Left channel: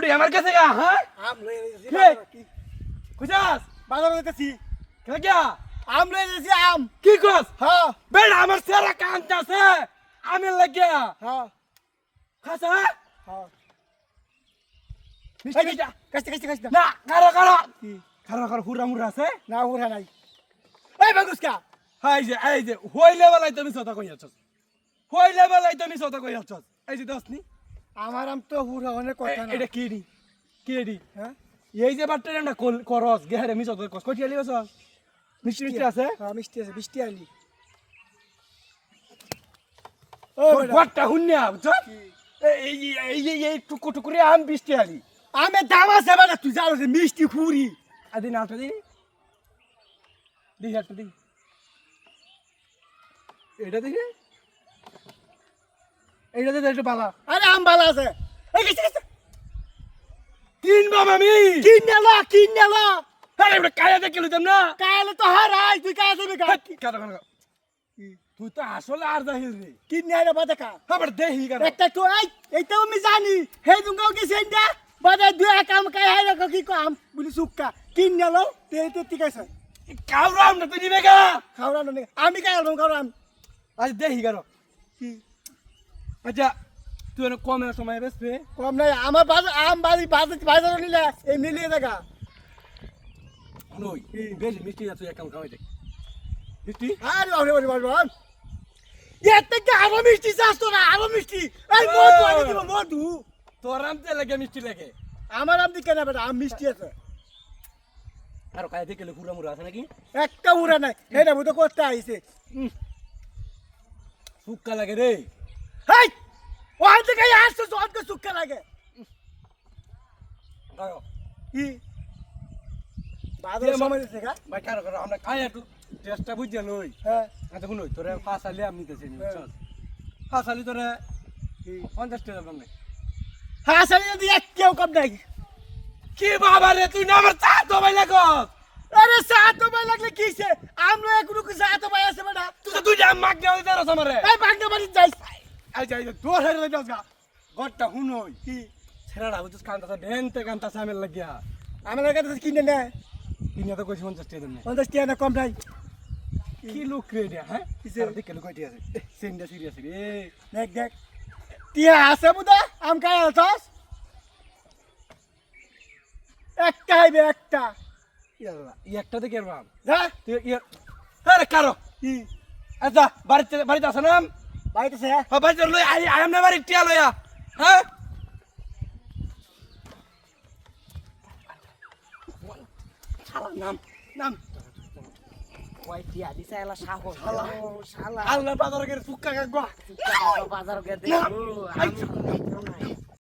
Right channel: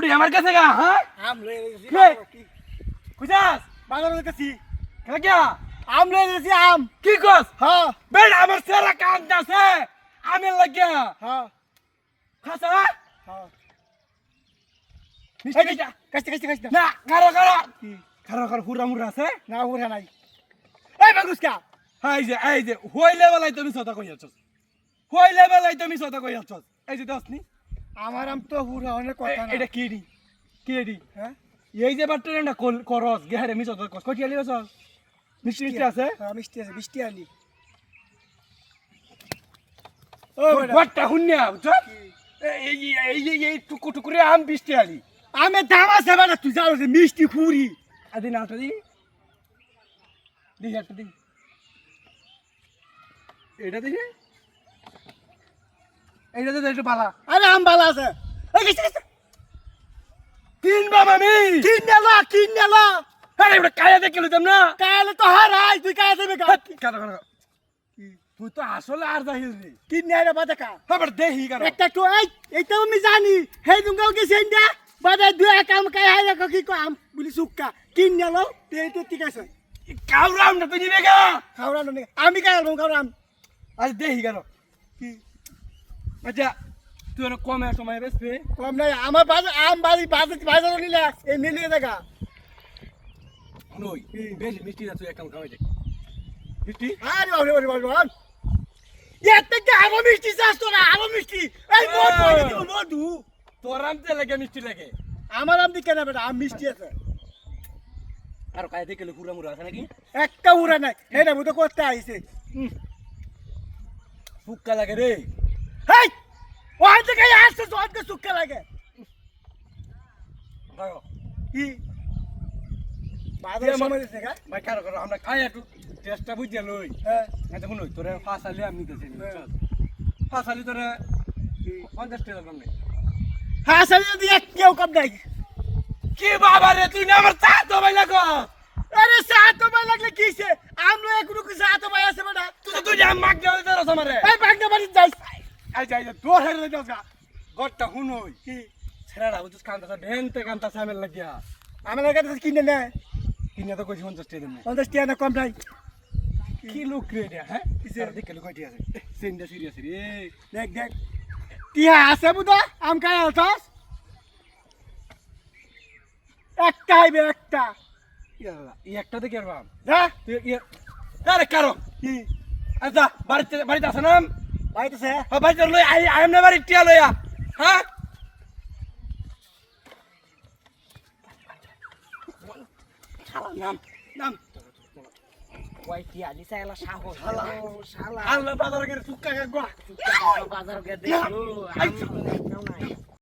উড়ি আমার কাছে গা হ্যাঁ? আম লয়ে গেছি কে? বুঝাস? বাজার গেছি কেন কিয়া আম লয়ে গেছি আম। কি কস? হ্যাঁ। বেড়া আমার সেরা কান্দাছে আমি লাগিয়া হ্যাঁ। খাসা হ্যাঁ? খাইছা? কাছতে কাছতে কাছতে না কারও কারও কারও কারও হুরা মুরা আছে? না উড়া নাই। এই বাগুসকা। হ্যাঁ, এই যে এই যে হইলে বেলায় তুমি সতা কই আছস হইলে বেলায় তুমি সতা কই আছস এই যে নি। আমার আম তো উড়া অনেক কথা না। এটা কি দি কি হ্যাঁ? এই যে বাট্টা না করস গেহারে মিছ তো কস কটি আলি আছস মিষ্টি মিষ্টি আছে? হ্যাঁ মিষ্টি আছে মিষ্টি আলি। ও তোর বেটা, ঘরটা হুন্যা বুঝছ? এই এই এই টুকু টুকুরে আম বৃষ্টি আলি। আমি দাম আছে বেটা তুই জানো মিষ্টি খুরি আদি না আলটা দি। দি একটা দি। এটা দিছে এইটা দিতে একটু বালা। আরে আম ভালো আছে। বাম আমি কিন নেলা কিন নেলা আরে এটা কায়া দেখে লইতাম না? কালে তো হারাই তুই কায় দেবে কাটা কাটা তুই তো আসলে আর যাহিল রে। কিন নেলা বাদা কা? আবার দেহি কাটা একটা তো এই এইটা আমি জানি। হেই তুমি কি সেন্ডা বাদা দুই কাম কাই হাই রাখো কি কাম বলি সুক্কা কিন নেলো তে তো ঠিক আছে। কাউরাম না তুই নিবে গা। খাওয়া না আমি কাই আলবাম খাওয়াম আজ দেহি কাটো কি? আচ্ছা তুই অনেক কমে সময় বেসবে কম নাই আমার বাজার আম বাড়ি বাজার বাজার নিলে এই মিলিয়ে দেখা নই বেশি মিষ্টি না তুই এক কাম খাওয়াই দে। মিষ্টি? আরে বাবা বাবা বাবা আরও। মিষ্টি চাস তোরা আরও মিষ্টি। এই মধু আনি দিব মধু? তোর আম তে লাগে মিষ্টি লাগে। আমার আম দিকে না বেটা আম মিষ্টি আছে। আর কায় দেখে পুরা মুরা আছে নাকি? একটা উড়া নাই এটা মতো করতে আইছে। ফুক্কা লাগে রে। ওখান থেকে আসছে সবকে সুখে লাগে। কি? আমরা খাই একটু টেস্টটা লই। হ্যাঁ। দেখুন ওই তোরে ফাঁস আলি আমি নিতেছি ফাঁস আলি তোরে পঞ্চাশ টাকা দাম নেই হ্যাঁ যদি এক কেউ কম নাই কি বাবা রে তুই না আমার চা তো ভাই লাগো আরে ভাই লাগলে কিছে আমরা একটু কি সাত ভাই আছে বেটা। তুই তো মাগ দেওয়া দিতে রস আমারে। এই বাগনা বাড়ি যাইস। আই যাই যা তোর হেরে যাস গা। গড়টা হুনই। কি? ছেড়া বুঝছিস কান্তাছে ভেনতে কান্তাছে আমি লাগিয়া। আমার কাছে কিনে নে। কিনে তো কইছি পঞ্চাশ টাকা দিন পঞ্চাশ টাকা না কম নাই। কি লোক রে এটা হ্যাঁ? কিসে? কিসে লোক কয়টি আছে। সেন্ডা সিরিয়াস রে। দেখ দেখ। টিয়া আছে বুদা আম খাই আলছস একটা হাইবে একটা। একটা দেখে রাম যা। তুই আরে কারও। কি? আচ্ছা বাড়িতে বাড়িতে আছে না বাইতেছে হ্যাঁ? লই আই আই এম বাড়ি টিয়া লইয়া হ্যাঁ? নাম নাম। কয় টিয়া দিছে এলা সাহস। শালা। শালা। আল্লাহ বাজারে গেলে ফুক্কা গা বাজার গে দেখল